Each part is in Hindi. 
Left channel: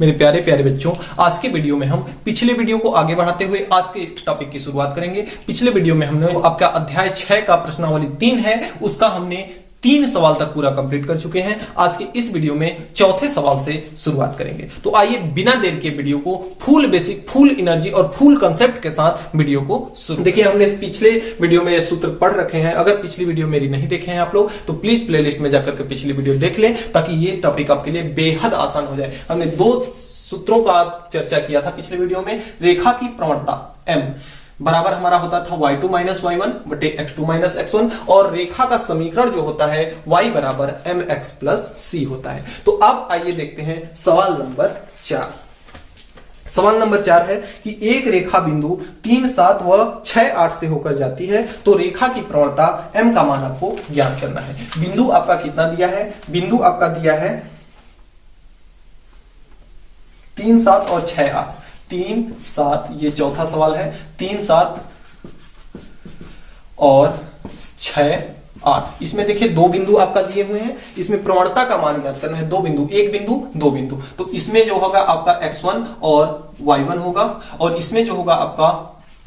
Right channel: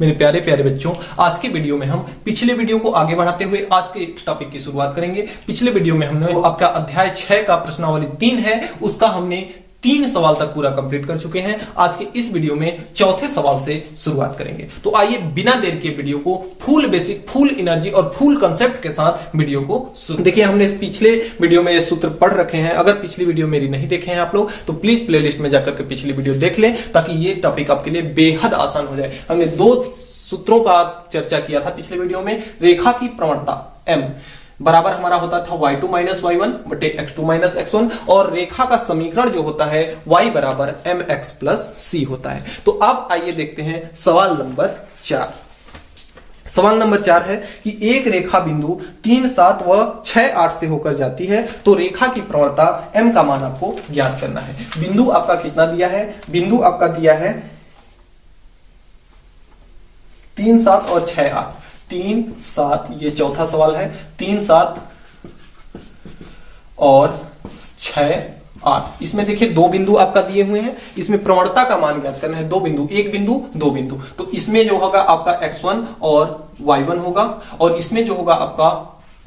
मेरे प्यारे प्यारे बच्चों, आज के वीडियो में हम पिछले वीडियो को आगे बढ़ाते हुए आज के टॉपिक की शुरुआत करेंगे। पिछले वीडियो में हमने आपका अध्याय 6 का प्रश्नावली 3 है, उसका हमने 3 सवाल तक पूरा कंप्लीट कर चुके हैं। आज के इस वीडियो में चौथे सवाल से शुरुआत करेंगे। तो आइए बिना देर के वीडियो को फुल बेसिक, फुल एनर्जी और फुल कंसेप्ट के साथ वीडियो को शुरू। देखिए, हमने पिछले वीडियो में ये सूत्र पढ़ रखे हैं। अगर पिछली वीडियो मेरी नहीं देखे हैं आप लोग तो प्लीज प्लेलिस्ट में जाकर के पिछली वीडियो देख लें, ताकि ये टॉपिक आपके लिए बेहद आसान हो जाए। हमने 2 सूत्रों का चर्चा किया था पिछले वीडियो में। रेखा की प्रवणता m बराबर हमारा होता था y2 माइनस y1 बटे x2 माइनस x1, और रेखा का समीकरण जो होता है y बराबर mx प्लस c होता है। तो अब आइए देखते हैं सवाल नंबर 4। सवाल नंबर 4 है कि एक रेखा बिंदु 3, 7 व 6, 8 से होकर जाती है, तो रेखा की प्रवणता m का मान आपको ज्ञात करना है। बिंदु आपका कितना दिया है? बिंदु आपका दिया है 3, 7 और 6, 8। 3, 7, ये चौथा सवाल है। 3, 7 और 6, 8। इसमें देखिए 2 बिंदु आपका दिए हुए हैं। इसमें प्रवणता का मान ज्ञात करना है। 2 बिंदु, एक बिंदु, 2 बिंदु। तो इसमें जो होगा आपका x1 और y1 होगा, और इसमें जो होगा आपका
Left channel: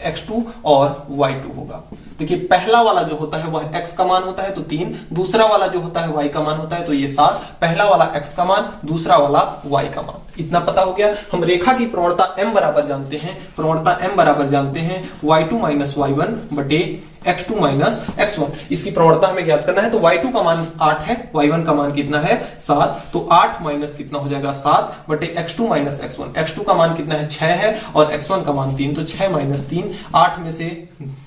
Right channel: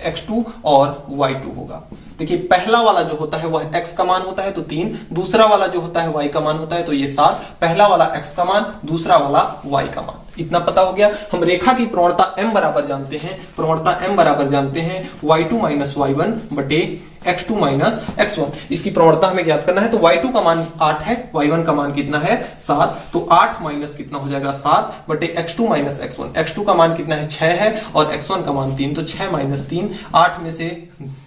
x2 और y2 होगा। देखिए, पहला वाला जो होता है वह x का मान होता है तो 3, दूसरा वाला जो होता है y का मान होता है तो ये 7। पहला वाला x का मान, दूसरा वाला y का मान। इतना पता हो गया। हम रेखा की प्रवणता m बराबर जानते हैं। प्रवणता m बराबर जानते हैं y2 माइनस y1 बटे x2 माइनस x1। इसकी प्रवणता हमें ज्ञात करना है। तो y2 का मान 8 है, y1 का मान कितना है? 7। तो 8 माइनस कितना हो जाएगा? 7 बटे x2 माइनस x1। x2 का मान कितना है? 6 है, और x1 का मान 3। तो 6 माइनस 3, 8 में से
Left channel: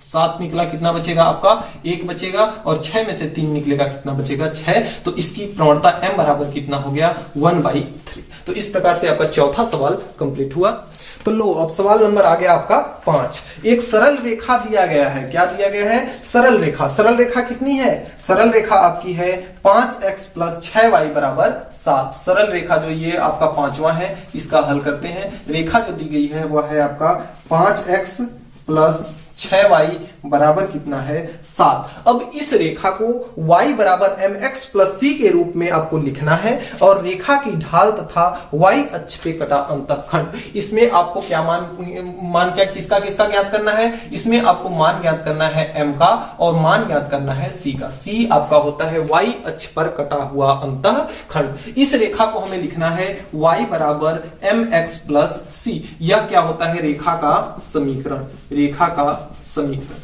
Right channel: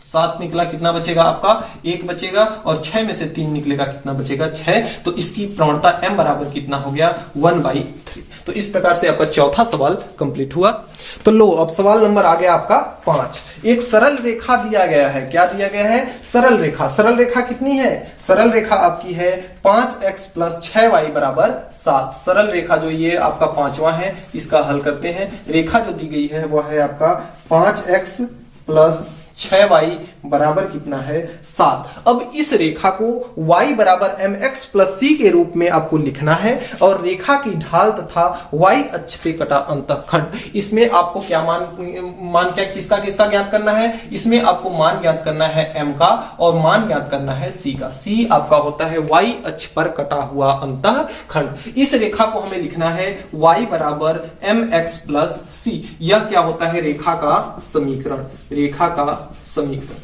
7 निकला, कितना बचेगा आपका? 1 बचेगा, और 6 में से 3 निकलेगा, कितना बचेगा? 6। तो इसकी प्रवणता m बराबर कितना हो गया? 1/3। तो इस प्रकार से आपका चौथा सवाल कंप्लीट हुआ। तो लो, अब सवाल नंबर आ गया आपका 5। एक सरल रेखा दिया गया है। क्या दिया गया है? सरल रेखा। सरल रेखा कितनी है? सरल रेखा आपकी है 5x प्लस 6y बराबर 7। सरल रेखा जो ये आपका 5वां है, इसका हल करते हैं। रेखा जो दी गई है वह है आपका 5x प्लस 6y बराबर कितना है? 7। अब इस रेखा को y बराबर mx प्लस c के रूप में आपको लिखना है, और रेखा की ढाल तथा y अक्ष पे कटा अंतःखंड। इसमें आपको क्या मान क्या किसका ज्ञात करना है? इसमें आपको मान ज्ञात करना है m का, और मान ज्ञात करना है c का। c आपका होता है y अक्ष पर कटा हुआ अंतःखंड। इस रेखा को हमें लिखना है y बराबर mx प्लस c। यह क्या होता है? रेखा का समीकरण। रेखा का समीकरण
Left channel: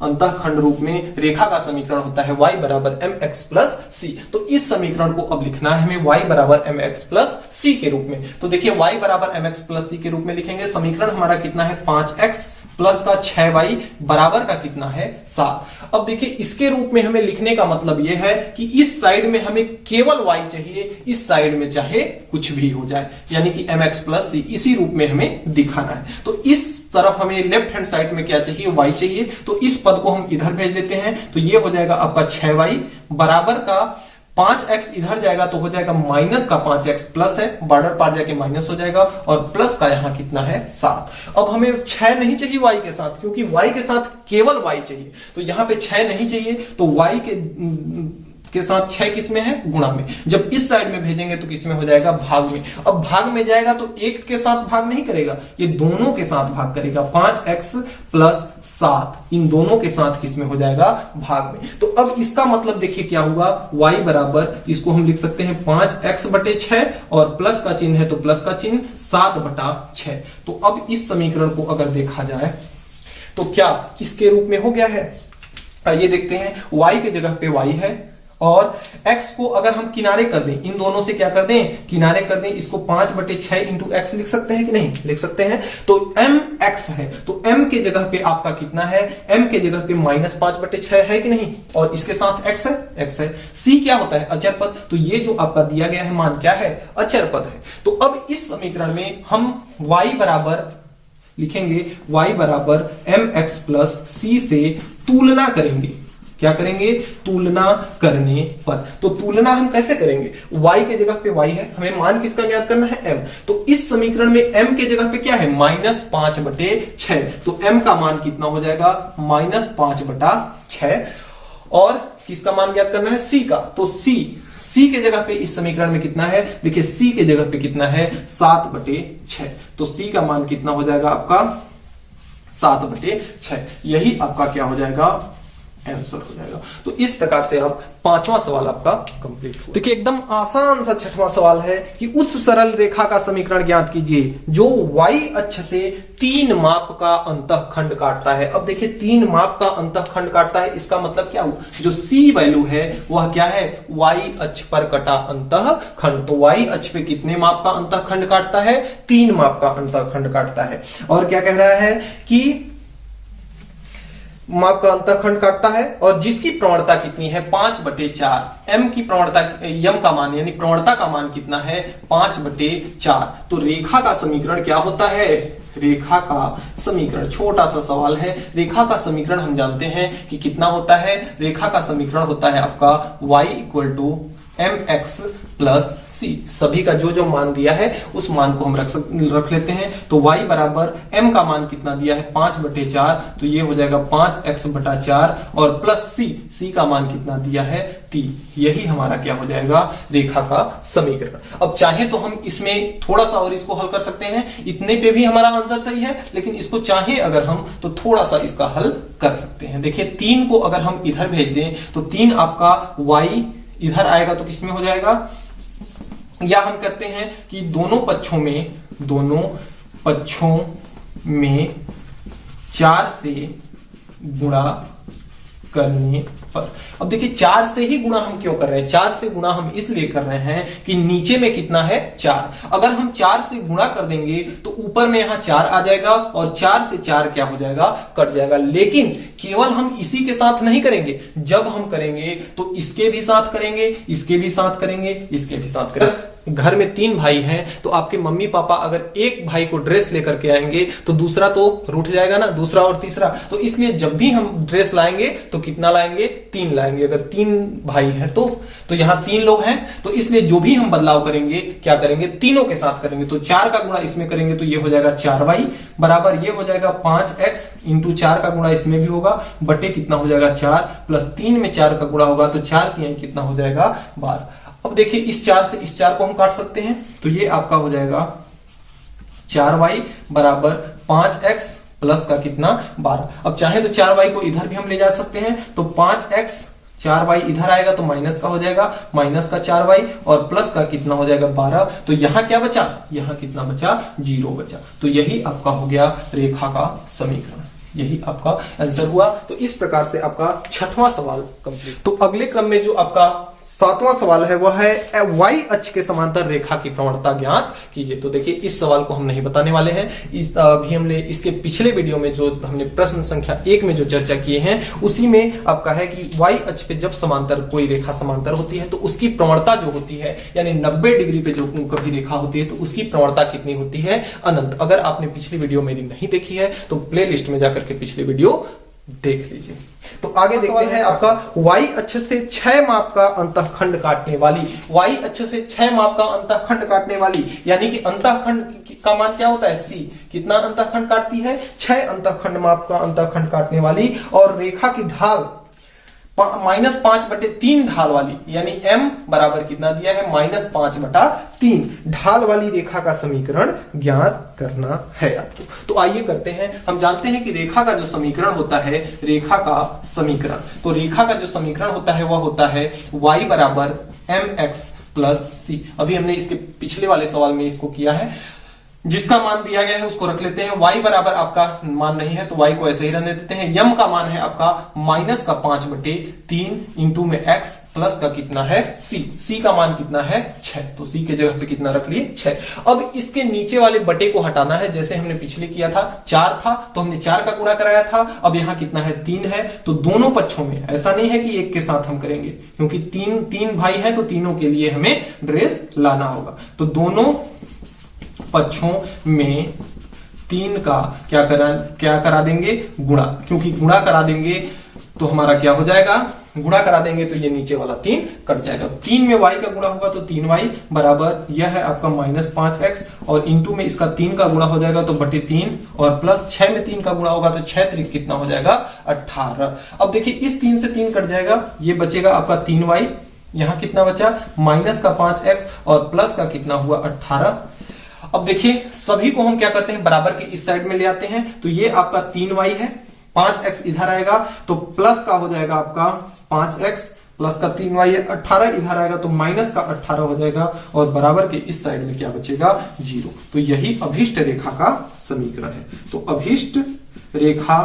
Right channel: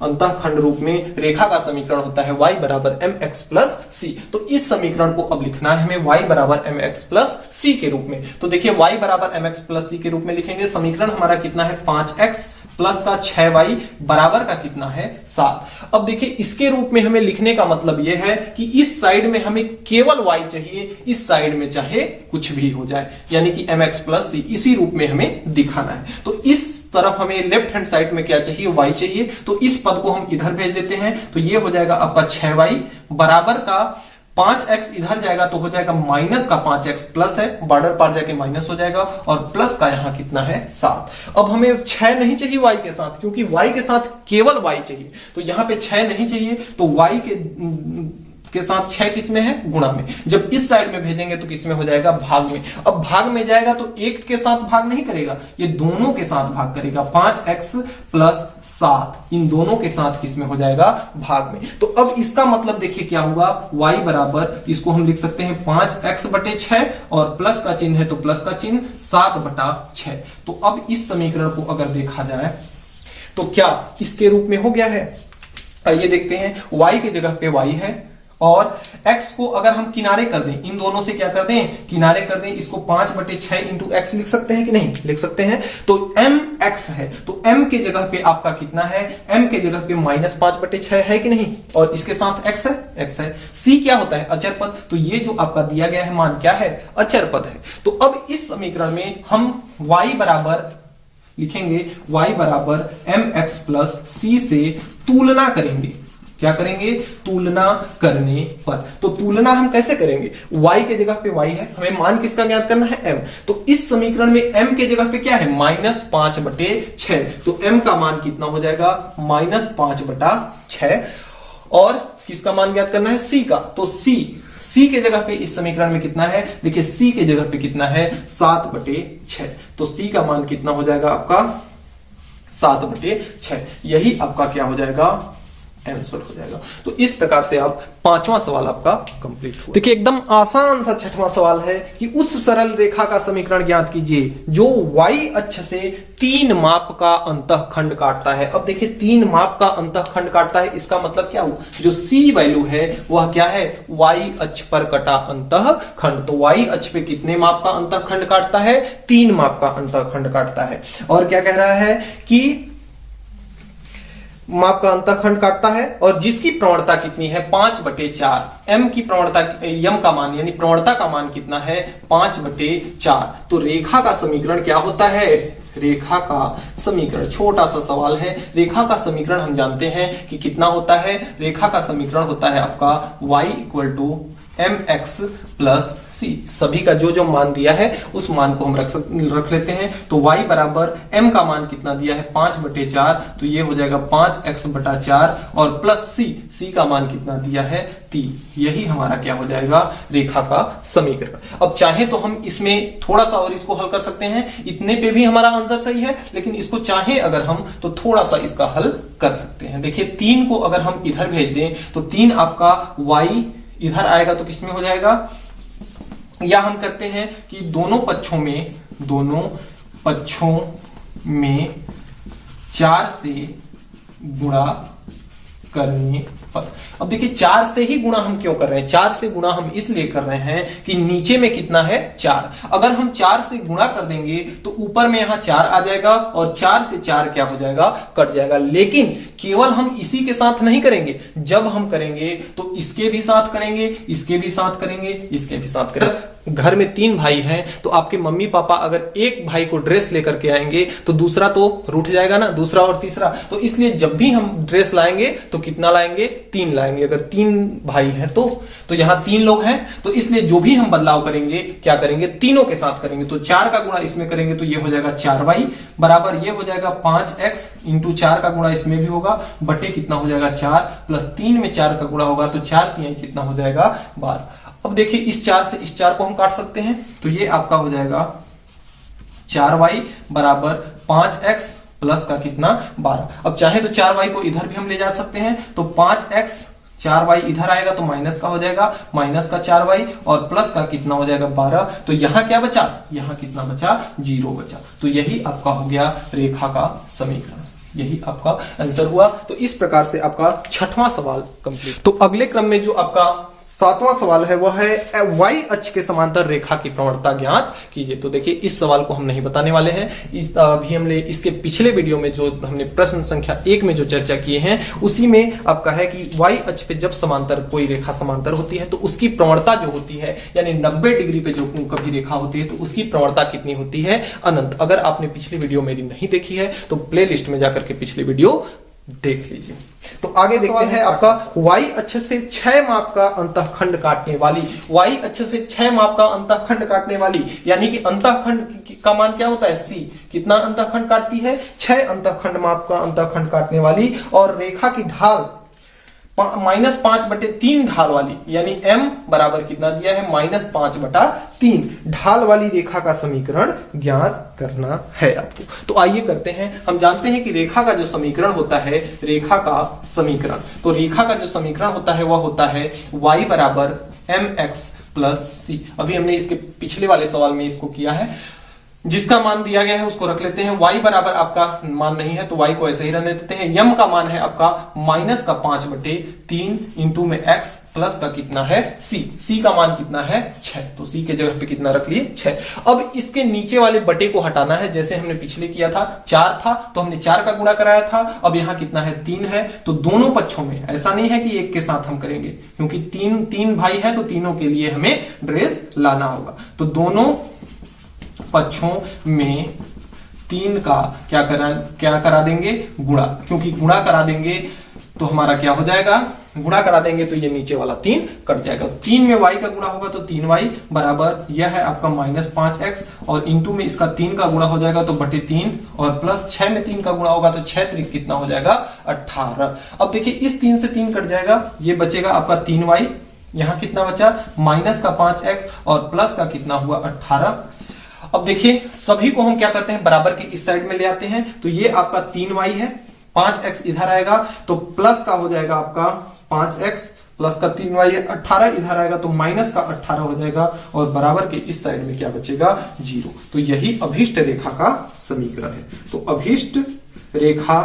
अंतःखंड रूप में रेखा का समीकरण होता है y बराबर mx प्लस c। तो इस समीकरण को अब लिखना है हमें y बराबर mx प्लस c के रूप में। तो देखिए, y बराबर mx प्लस c के रूप में लिखेंगे। समीकरण हमारा कितना है? 5x प्लस का 6y बराबर का कितना है? 7। अब देखिए, इसके रूप में हमें लिखने का मतलब यह है कि इस साइड में हमें केवल y चाहिए, इस साइड में चाहे कुछ भी हो जाए, यानी कि mx प्लस c इसी रूप में हमें दिखाना है। तो इस तरफ हमें लेफ्ट हैंड साइड में क्या चाहिए? y चाहिए। तो इस पद को हम इधर भेज देते हैं। तो ये हो जाएगा आपका 6y बराबर का 5x इधर जाएगा तो हो जाएगा माइनस का 5x, प्लस है, बॉर्डर पार जाके माइनस हो जाएगा, और प्लस का यहां कितना है? 7। अब हमें 6 नहीं चाहिए y के साथ, क्योंकि y के साथ केवल y चाहिए। तो यहां पे 6 नहीं चाहिए, तो y के साथ 6 किसमें है? गुणा में। जब इस साइड में भेजेंगे तो किसमें हो जाएगा? भाग में। अब भाग में जाएगा तो 1 के साथ भाग नहीं करेगा, ये दोनों के साथ भाग करेगा। 5x प्लस 7 इन दोनों के साथ किसमें हो जाएगा? भाग में। तो अब इसका मतलब देखिए क्या होगा? y बराबर, इसको हम लिख सकते हैं 5x बटे 6, और प्लस का चिन्ह है तो प्लस का चिन्ह 7 बटा 6। तो अब इस समीकरण को अगर देखा जाए तो क्या इसके रूप में हो गया है? ये देखते हैं, y की जगह पे y है, और x को अगर हम किनारे कर दें, इन दोनों से क्या कर दें? किनारे कर दें। इसको 5 बटे 6 इंटू x लिख सकते हैं कि नहीं? लिख सकते हैं। तो mx है, तो m के जगह पे आपका कितना है? m के जगह पे माइनस 5 बटे 6 है कि नहीं? और इसके साथ x है, x है। c क्या होता है? अचर पद। तो ये जो आपका दिया गया है मान क्या है? अचर पद है। तो अब इस समीकरण में हम y बराबर लिखेंगे, y बराबर mx प्लस c से तुलना करेंगे। क्या करेंगे? तुलना करने पर। तो तुलना हम कैसे करेंगे? y के जगह पे y है, हमें मान किसका ज्ञात करना है? m। तो इस समीकरण में m के जगह पे क्या है? माइनस 5 बटे 6। तो m का मान कितना हो जाएगा? माइनस 5 बटा 6। और किसका मान ज्ञात करना है? c का। तो c सी के जगह पे इस समीकरण में कितना है, देखिए सी के जगह पे कितना है 7/6, तो सी का मान कितना हो जाएगा आपका 7/6। यही आपका क्या हो जाएगा, आंसर हो जाएगा। तो इस प्रकार से आप पांचवा सवाल आपका कंप्लीट हो। देखिए एकदम आसान सा छठवां सवाल है कि उस सरल रेखा का समीकरण ज्ञात कीजिए जो y अक्ष से 3 माप का अंतःखंड काटता है। अब देखिए 3 माप का अंतःखंड काटता है, इसका मतलब क्या हुआ, जो c वैल्यू है वह क्या है, y अक्ष पर कटा अंतःखंड। तो y अक्ष पे कितने माप का अंतःखंड काटता है, 3 माप का अंतःखंड काटता है। और क्या कह रहा है कि माप का अंतःखंड काटता है और जिसकी प्रवणता कितनी है 5/4। m की प्रवणता, m का मान यानी प्रवणता का मान कितना है 5/4। तो रेखा का समीकरण क्या होता है, रेखा का समीकरण, छोटा सा सवाल है। रेखा का समीकरण हम जानते हैं कि कितना होता है, रेखा का समीकरण होता है आपका y = mx + c। सभी का जो जो मान दिया है उस मान को हम रख लेते हैं। तो y बराबर m का मान कितना दिया है 5/4, तो ये हो जाएगा 5x/4 और प्लस c का मान कितना दिया है 3। यही हमारा क्या हो जाएगा, रेखा का समीकरण। अब चाहे तो हम इसमें थोड़ा सा और इसको हल कर सकते हैं, इतने पे भी हमारा आंसर सही है, लेकिन इसको चाहे अगर हम तो थोड़ा सा इसका हल कर सकते हैं। देखिए 3 को अगर हम इधर भेज दें तो 3 आपका y इधर आएगा तो किसमें हो जाएगा, या हम करते हैं कि दोनों पक्षों में 4 से गुणा करने पर। अब देखिए 4 से ही गुणा हम क्यों कर रहे हैं, 4 से गुणा हम इसलिए कर रहे हैं कि नीचे में कितना है 4। अगर हम 4 से गुणा कर देंगे तो ऊपर में यहां 4 आ जाएगा और 4 से 4 क्या हो जाएगा, कट जाएगा। लेकिन केवल हम इसी के साथ नहीं करेंगे, जब हम करेंगे तो इसके भी साथ करेंगे, इसके भी साथ करेंगे, इसके भी साथ करेंगे। घर में 3 भाई हैं तो आपके मम्मी पापा अगर एक भाई को ड्रेस लेकर के आएंगे तो दूसरा तो रूठ जाएगा ना, दूसरा और तीसरा। तो इसलिए जब भी हम ड्रेस लाएंगे तो कितना लाएंगे, 3 लाएंगे। अगर 3 भाई हैं तो यहाँ 3 लोग हैं, तो इसलिए जो भी हम बदलाव करेंगे क्या करेंगे, तीनों के साथ करेंगे। तो 4 का गुणा इसमें करेंगे तो ये हो जाएगा 4y बराबर ये हो जाएगा 5x × 4 का गुणा इसमें भी होगा बटे कितना हो जाएगा 4 प्लस 3 में 4 का गुणा होगा तो 4 की कितना हो जाएगा 12। अब देखिए इस 4 से इस 4 को हम काट सकते हैं, तो ये आपका हो जाएगा 4y बराबर 5x प्लस का कितना 12। अब चाहे तो 4y को इधर भी हम ले जा सकते हैं, तो 5x 4y इधर आएगा तो माइनस का हो जाएगा, माइनस का 4y और प्लस का कितना हो जाएगा 12। तो यहां क्या बचा, यहां कितना बचा, 0 बचा। तो यही आपका हो गया रेखा का समीकरण, यही आपका आंसर हुआ। तो इस प्रकार से आपका छठवां सवाल कंप्लीट। तो अगले क्रम में जो आपका 7वां सवाल है वह है y अक्ष के समांतर रेखा की प्रवणता ज्ञात कीजिए। तो देखिए इस सवाल को हम नहीं बताने वाले हैं, अभी हमने इसके पिछले वीडियो में जो हमने प्रश्न संख्या 1 में जो चर्चा किए हैं उसी में आपका है कि y अक्ष पे जब समांतर कोई रेखा समांतर होती है तो उसकी प्रवणता जो होती है यानी 90 डिग्री पे जो कभी रेखा होती है तो उसकी प्रवणता कितनी होती है, अनंत। अगर आपने पिछली वीडियो मेरी नहीं देखी है तो प्ले लिस्ट में जाकर के पिछली वीडियो देख लीजिए। तो आगे देखते हैं आपका y अक्ष से 6 माप का अंतःखंड काटने वाली, y अक्ष से 6 माप का अंतःखंड काटने वाली यानी कि अंतःखंड का मान क्या होता है c, कितना अंतःखंड काटती है 6 अंतःखंड माप का अंतःखंड काटने वाली और रेखा की ढाल -5/3 ढाल वाली यानी m बराबर कितना दिया है -5/3 ढाल वाली रेखा का समीकरण ज्ञात करना है आपको। तो आइए करते हैं। हम जानते हैं कि रेखा का जो समीकरण होता है, रेखा का समीकरण, तो रेखा का जो समीकरण होता है वह होता है y बराबर mx + c। अभी हमने इसके पिछले वाले सवाल में इसको किया है, जिसका मान दिया गया है उसको रख लेते हैं। y बराबर आपका मान नहीं है तो y को ऐसे ही रहने देते हैं। m का मान है आपका -5/3 इंटू में x प्लस का कितना है c का मान कितना है 6, तो c के जगह पे कितना रख लिए 6। अब इसके नीचे वाले बटे को हटाना है, जैसे हमने पिछले किया था 4 था तो हमने 4 का गुणा कराया था, अब यहाँ कितना है 3 है। तो दोनों पक्षों में ऐसा नहीं है कि एक के साथ हम करेंगे, क्योंकि तीन भाई है तो तीनों के लिए हमें ड्रेस लाना होगा। तो दोनों पक्षों में 3 का क्या करा देंगे, गुणा, क्योंकि गुणा करा देंगे तो हमारा क्या हो जाएगा, गुणा करा देंगे तो ये नीचे वाला 3 कट जाएगा। 3 में y का गुणा होगा तो 3y बराबर यह है आपका -5x और इंटू में इसका 3 का गुणा हो जाएगा तो बटे 3 और प्लस 6 में 3 का गुणा होगा तो 6 त्रिक कितना हो जाएगा 18। अब देखिए इस 3 से 3 कट जाएगा, ये बचेगा आपका 3y यहां कितना बचा, माइनस का 5x और प्लस का कितना हुआ 18। अब देखिए सभी को हम क्या करते हैं, बराबर के इस साइड में ले आते हैं। तो ये आपका 3y है, 5x इधर आएगा तो प्लस का हो जाएगा आपका 5x प्लस का 3y है, 18 इधर आएगा तो माइनस का 18 हो जाएगा और बराबर के इस साइड में क्या बचेगा, 0। तो यही अभीष्ट रेखा का समीकरण है। तो अभीष्ट रेखा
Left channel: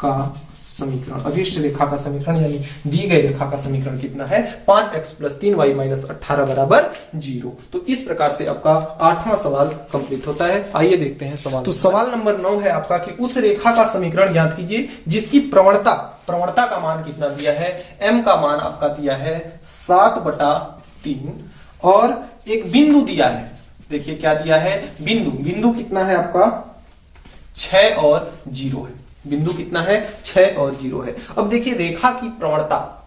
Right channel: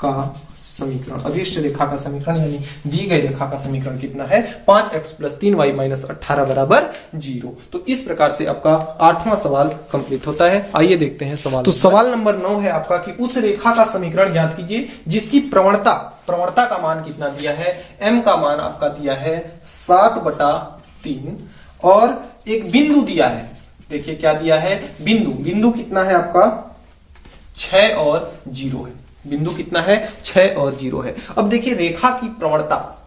का समीकरण, अभीष्ट रेखा का समीकरण यानी दी गई रेखा का समीकरण कितना है, 5x प्लस 3y माइनस 18 बराबर 0। तो इस प्रकार से आपका 8वां सवाल कंप्लीट होता है। आइए देखते हैं सवाल। तो सवाल नंबर 9 है आपका कि उस रेखा का समीकरण ज्ञात कीजिए जिसकी प्रवणता का मान कितना दिया है, m का मान आपका दिया है 7/3 और एक बिंदु दिया है। देखिए क्या दिया है, बिंदु कितना है आपका 6 और 0 है। बिंदु कितना है, 6 और 0 है। अब देखिए रेखा की प्रवणता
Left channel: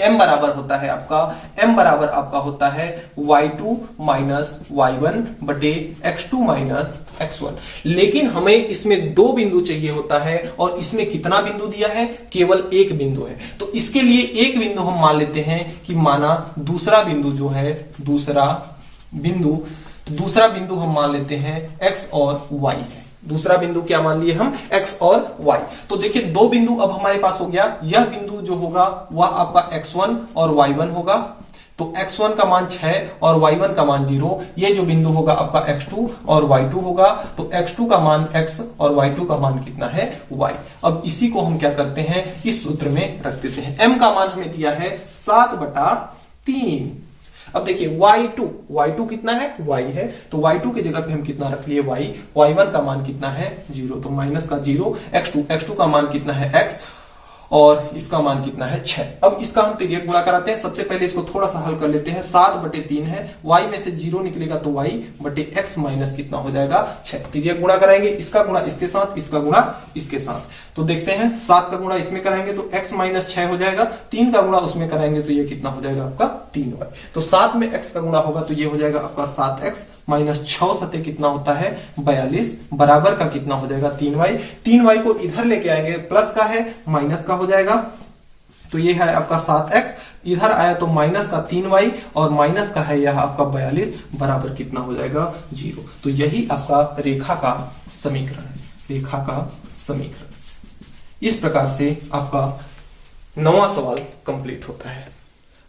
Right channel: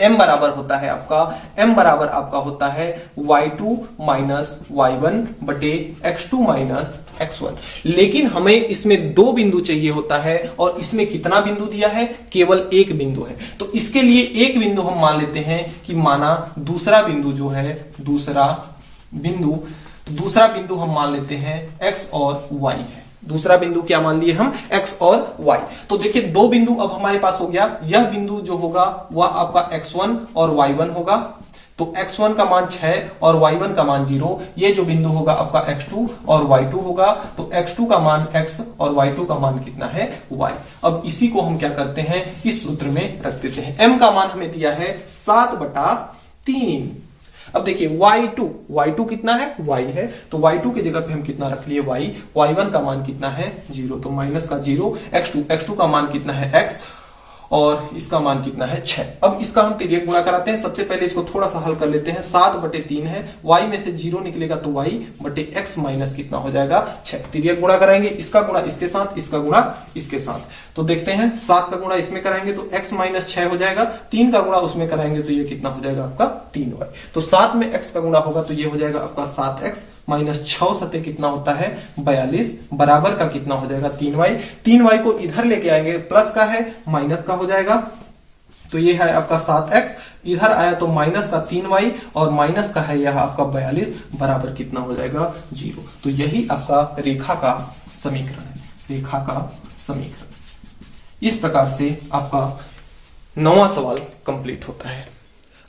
m बराबर होता है आपका होता है y2 माइनस y1 बटे x2 माइनस x1। लेकिन हमें इसमें 2 बिंदु चाहिए होता है और इसमें कितना बिंदु दिया है, केवल एक बिंदु है। तो इसके लिए एक बिंदु हम मान लेते हैं कि माना दूसरा बिंदु जो है, दूसरा बिंदु हम मान लेते हैं x और y है। दूसरा बिंदु क्या मान लिए हम, x और y। तो देखिए 2 बिंदु अब हमारे पास हो गया। यह बिंदु जो होगा वह आपका x1 और y1 होगा। तो x1 का मान 6 और y1 का मान 0। ये जो बिंदु होगा आपका x2 और y2 होगा। तो x2 का मान x और y2 का मान कितना है, y। अब इसी को हम क्या करते हैं, इस सूत्र में रख देते हैं। m का मान हमें दिया है 7/3। अब देखिए y2 कितना है, y है। तो y2 की जगह पे हम कितना रख लिए, y। y1 का मान कितना है 0, तो माइनस का 0। x2 का मान कितना है x और इसका मान कितना है 6। अब इसका हम तिर्यक गुणा कराते हैं। सबसे पहले इसको थोड़ा सा हल कर लेते हैं। 7/3 है, y में से 0 निकलेगा तो y बटे x माइनस कितना हो जाएगा 6। तिर्यक गुणा कराएंगे, इसका गुणा इसके साथ, इसका गुणा इसके साथ। तो देखते हैं 7 का गुणा इसमें कराएंगे तो x माइनस 6 हो जाएगा। 3 का गुणा उसमें कराएंगे तो ये कितना हो जाएगा आपका 3y। तो 7 में x का गुणा होगा तो ये हो जाएगा आपका 7x माइनस 6 सते कितना होता है 42 बराबर का कितना हो जाएगा 3y। 3y को इधर लेके आएंगे, प्लस का है माइनस का हो जाएगा। तो ये है आपका 7x, इधर आया तो माइनस का 3y और माइनस का है यह आपका 42 बराबर कितना हो जाएगा 0। तो यही आपका रेखा का समीकरण है, रेखा का समीकरण। इस प्रकार से आपका 9वां सवाल कंप्लीट होता है।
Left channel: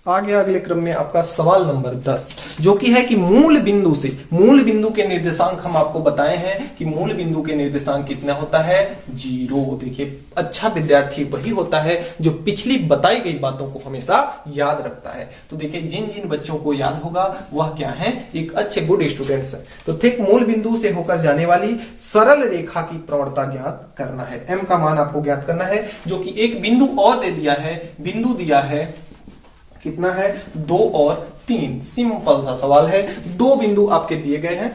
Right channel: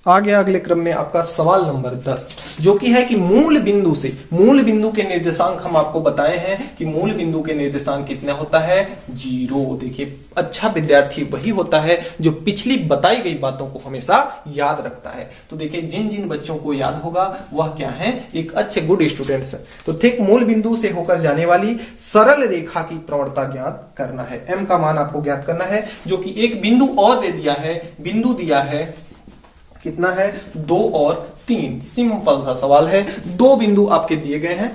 आगे अगले क्रम में आपका सवाल नंबर 10 जो कि है कि मूल बिंदु के निर्देशांक हम आपको बताए हैं कि मूल बिंदु के निर्देशांक कितना होता है 0। देखिए अच्छा विद्यार्थी वही होता है जो पिछली बताई गई बातों को हमेशा याद रखता है। तो देखिए जिन बच्चों को याद होगा वह क्या है, एक अच्छे गुड स्टूडेंट्स। तो ठीक मूल बिंदु से होकर जाने वाली सरल रेखा की प्रवणता ज्ञात करना है। m का मान आपको ज्ञात करना है जो कि एक बिंदु और दे दिया है, बिंदु दिया है कितना है 2 और 3। सिंपल सा सवाल है, 2 बिंदु आपके दिए गए हैं।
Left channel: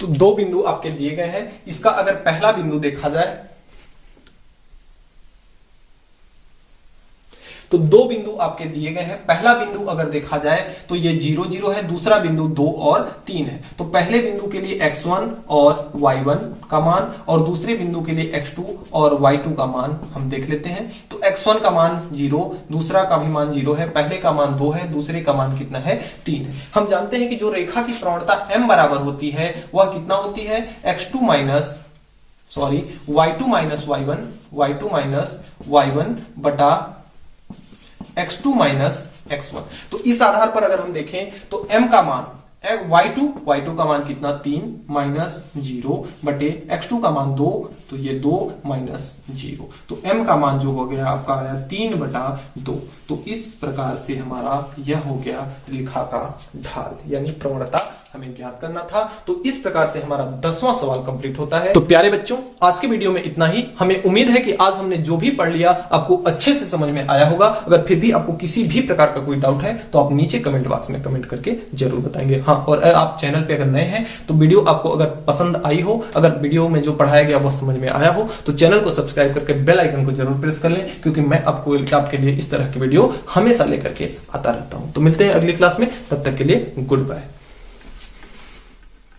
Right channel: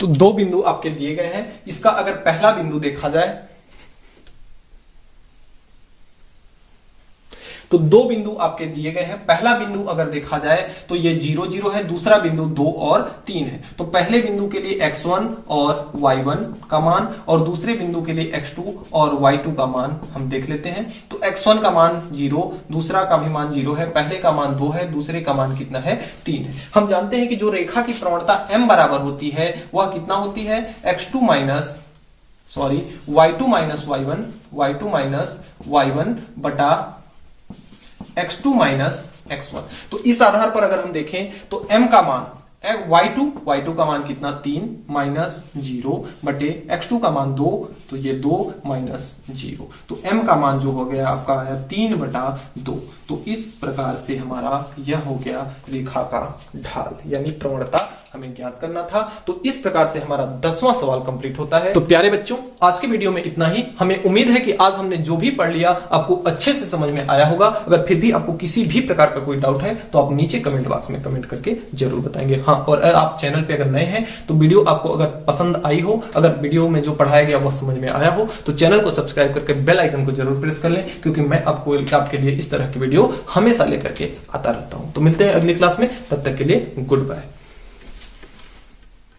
तो 2 बिंदु आपके दिए गए हैं। इसका अगर पहला बिंदु देखा जाए तो 2 बिंदु आपके दिए गए हैं। पहला बिंदु अगर देखा जाए तो ये 0 0 है, दूसरा बिंदु 2 और 3 है। तो पहले बिंदु के लिए x1 और y1 का मान और दूसरे बिंदु के लिए x2 और y2 का मान हम देख लेते हैं। तो x1 का मान 0, दूसरा का भी मान 0 है, पहले का मान 2 है, दूसरे का मान कितना है 3 है। हम जानते हैं कि जो रेखा की प्रवणता m बराबर होती है वह कितना होती है y2 माइनस y1 बटा x2 माइनस x1। तो इस आधार पर अगर हम देखें तो m का मान y2 का मान कितना 3 माइनस 0 बटे x2 का मान 2, तो ये 2 माइनस 0। तो m का मान जो हो गया आपका आया 3/2। तो इस प्रकार से हमारा यह हो गया रेखा का ढाल यानी प्रवणता हमें ज्ञात करना था। तो इस प्रकार से हमारा 10वां सवाल कंप्लीट होता है। तो प्यारे बच्चों आज के वीडियो में इतना ही। हमें उम्मीद है कि आज हमने जो भी पढ़ लिया आपको अच्छे से समझ में आया होगा। अगर फिर भी आपको किसी भी प्रकार का कोई डाउट है तो आप नीचे कमेंट बॉक्स में कमेंट करके जरूर बताएंगे। हाँ, और आप चैनल पे अगर नए हैं तो वीडियो आपको अगर पसंद आई हो, अगर वीडियो में जो पढ़ाया गया वह समझ में आया हो तो चैनल को सब्सक्राइब करके बेल आइकन को जरूर प्रेस कर लें, क्योंकि मैं आपके लिए इस तरह की वीडियो हमेशा लेकर के आता रहता हूं। तो मिलते हैं अगली क्लास में, तब तक के लिए गुड बाय।